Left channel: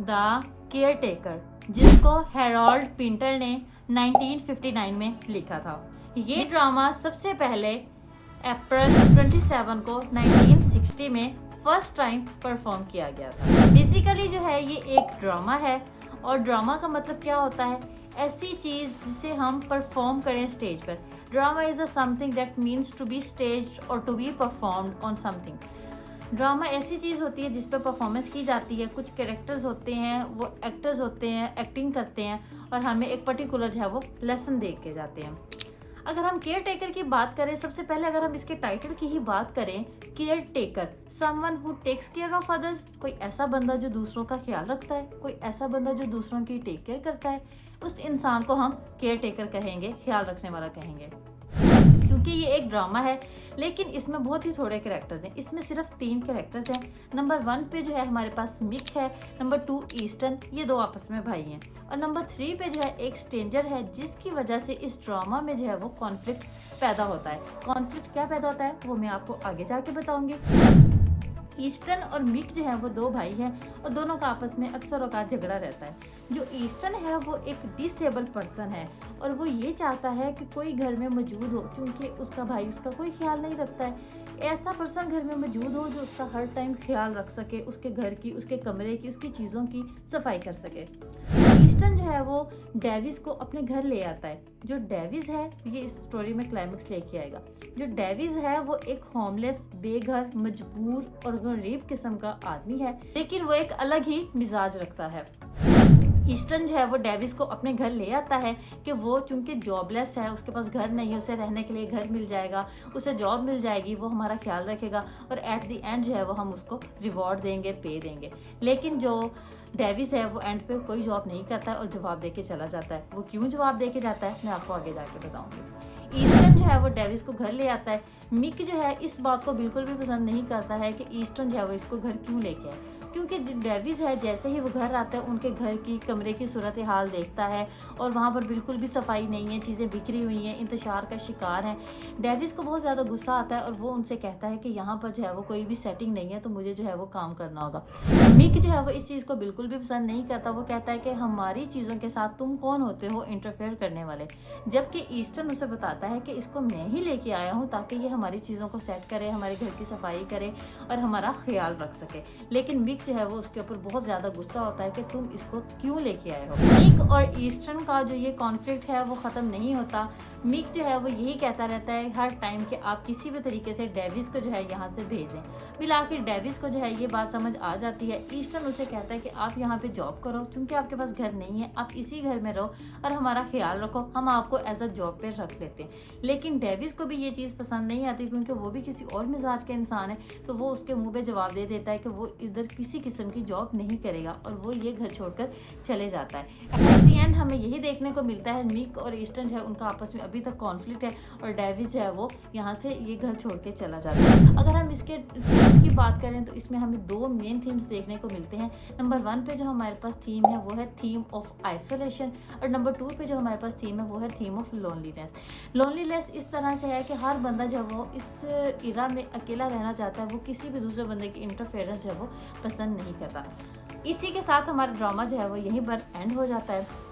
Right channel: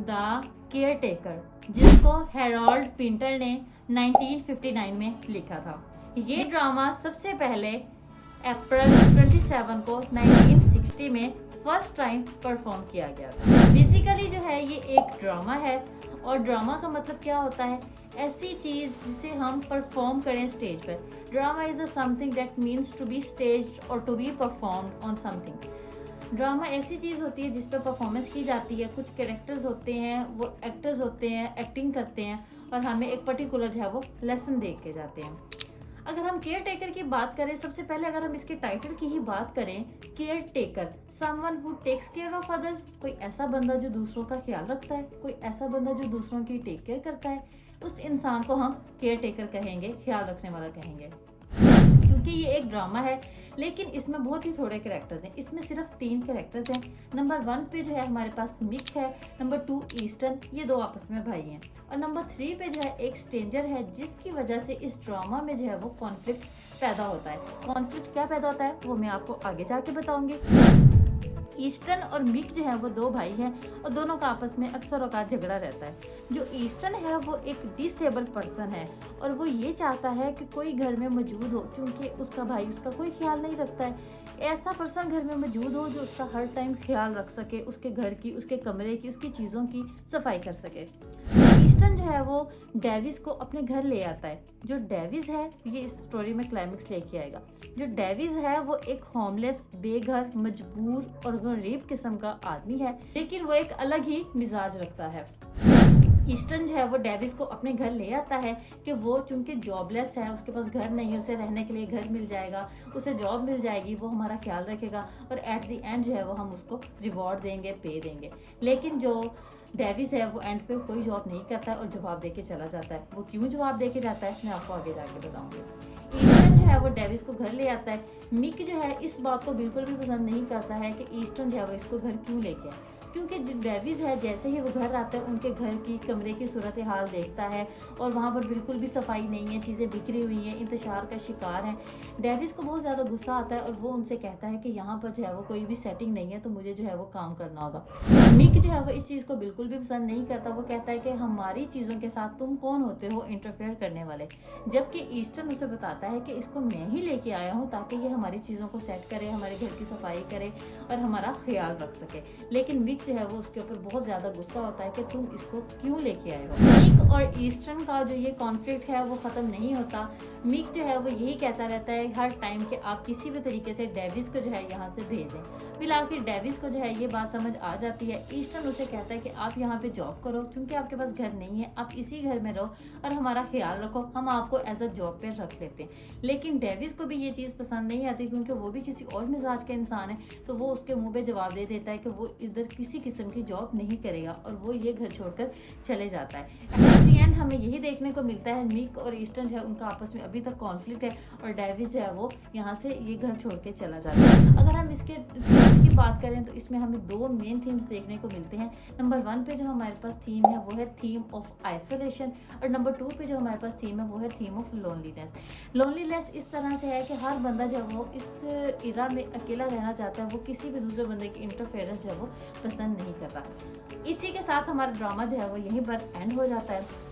The care taker, जिसको Harold Pinter ने 1959 में लिखा था। ये ड्रामा सबसे पहले अप्रैल 27 को 1960 में फर्स्ट टाइम परफॉर्म किया गया था। बेसिकली जो है ये एक ड्रामा है, और ड्रामा का मतलब क्या होता है, ऐसी चीज जिसे हम परफॉर्म करें स्टेज पर। Drama is a something that means to be staged और to be performed on something. Drama ऐसी चीज़ होती है जिस पर परफॉर्मेंस की जाती है, कुछ कैरेक्टर्स होते हैं, वो एक्टर्स होते हैं, एक्टिंग करते हैं और हमें एक पर्टिकुलर जो है वो लेसन दे के जाते हैं। अगर हम केयर टेकर की बात करें, सबसे पहले अगर हम इसके टाइटल की ही बात करें, caretaker, someone who takes care of others, कोई ऐसा बंदा जो दूसरों का ख्याल रखता है, कोई ऐसा बंदा जो दूसरों की टेक केयर करता है, उस इंसान को हम केयर टेकर कहेंगे, ख्याल रखने वाला कहेंगे। क्योंकि ये एक ड्रामा है लेकिन इसमें बहुत ही थोड़े कैरेक्टर्स हैं, इसमें सिर्फ 3 कैरेक्टर्स हैं। नंबर 1 पे जो है हमारे पास मिक है, नंबर 2 ईस्टन, ये 2 आपस में भाई हैं, और नंबर 3 पे जो है एक स्ट्रेंजर है, जिसकी वजह से इस ड्रामा में जो है वो कॉन्फ्लिक्ट पैदा होता है। कॉन्फ्लिक्ट क्या पैदा होता है वो मैं आपको आगे जाके बताऊंगी। ईस्टन और मिक जो है वो 2 भाई हैं और दोनों का आपस में अक्सर औकात झगड़ा रहता है। जो ईस्टन है वो एक डिसेबल पर्सन है और वो ये चाहता है कि कोई घर में मौजूद हो, क्योंकि उसका भाई उसका कोई ख्याल नहीं रखता है। ऐसा पर्सन घर में मौजूद हो जो उसका हर टाइम ख्याल रख सके, उसके घर की, उसके कमरे की, उसकी चीज़ों की सफाई कर सके। ईस्टन जो है वो डेविस को अपने घर ले आता है। जो डेविस है, ये इस स्टोरी में क्लाइमेक्स लेके आएगा। जो डेविस है वो एक होमलेस, बेघर, मजबूर और गरीब किस्म का आदमी है, लेकिन वो एक अलग ही मिजाज रखता है। ईस्टन जो है वो डेविस को अपने घर ले आता है कि वो चूंकि जॉबलेस है, उसके पास घर नहीं है, उसे रहने के लिए घर मिल जाएगा, उसे जॉब मिल जाएगी, वो हमारा ख्याल रखेगा और एट द एंड जो है वो हम उसको रिवॉर्ड देंगे, पे देंगे। लेकिन जो डेविस है वो एंड पे कोई जॉब नहीं करता है और जवाब दे के चला जाता है। वो क्यों जवाब दे के जाता है मैं आपको आगे जाके बताऊंगी। ईस्टन जो है वो डेविस को घर ले आता है। मिक जो है इस बात को बिल्कुल भी पसंद नहीं करता है कि ईस्टन जो है वो इसको घर क्यों लेके आए, क्योंकि डेविस है जैसे ही वो घर आता है उनके घर की, कमरे की सूरत हाल देखता है और वहाँ पर बिल्कुल भी सफाई नहीं है, चीज़ें बिखरी हुई हैं, इंतशार का शिकार हैं। डेविस को बहुत ज़्यादा गुस्सा आता है और वो उनसे कहता है कि यहाँ पर जो है वो कोई भी सेटिंग नहीं है, तो मुझे जो है वो काम करना होगा। मिक जो है वो इस चीज़ को बिल्कुल भी पसंद नहीं करता। वो कहता है कि हमारी चीज़ों के साथ तुम कौन होते हो इंटरफेयर करने वाले, जबकि ईस्टन उसे बताता है कि इसको मैं ही लेके आया हूँ ताकि ये हमारी चीज़ों को सेट करे, हमारे घर की सफाई करे और हमारा ख्याल रख सके। लेकिन मिक जो है वो उसके ऊपर बहुत ज़्यादा गुस्सा होता है कि तुम इसको क्यों लेके आए हो। मिक और ईस्टन का जो ये कॉन्फ्लिक्ट है वो ख़त्म नहीं होता। मिक जो है वो यही कहता रहता है हर टाइम कि आप किसी भी तरीके से डेविस को जो है यहाँ से भेजें। फिर आखिर डेविस को जो है ये बात समझ आ जाती है। ईस्टन उसे कहता है कि आप यहाँ पे जॉब करो, क्योंकि आपके पास घर नहीं है, आप इसी घर में रहो और हमारा ख्याल रखो, हम आपको एज अ जॉब पे रख लेते हैं। लेकिन डेविस को भी ये चीज़ पसंद नहीं आती, क्योंकि वो भी किसी और मिजाज के इंसान है, तो वो उसके मुंह पे जवाब दे देता है कि वो इधर किसी किस्म की जॉब नहीं करेगा और वो ये घर छोड़कर चले जाता है। एट द एंड हमें यही देखने को मिलता है, मिक और ईस्टन जो है उनका आपस में अभी तक कॉन्फ्लिक्ट है और डेविस जो है वो यहाँ से ये घर छोड़ के चला जाता है। अगर हम इसके थीम्स की बात करें तो इसमें हमें 2 मेन थीम्स देखने को मिलते हैं। नंबर 1 पे जो हमारे पास थीम है वो है थीम ऑफ आइसोलेशन, और नंबर 2 पे जो हमारे पास थीम है वो है थीम ऑफ लोनलीनेस। लोनलीनेस इस तरह से है कि हर बंदा जब वो इस इरा में अकेला रहना चाहता है, वो किसी भी दूसरे बंदे की इंटरफेरेंस जो है वो पसंद नहीं करता। इसी के साथ हमारा ड्रामा जो है वो यहीं पर एंड हो जाता है।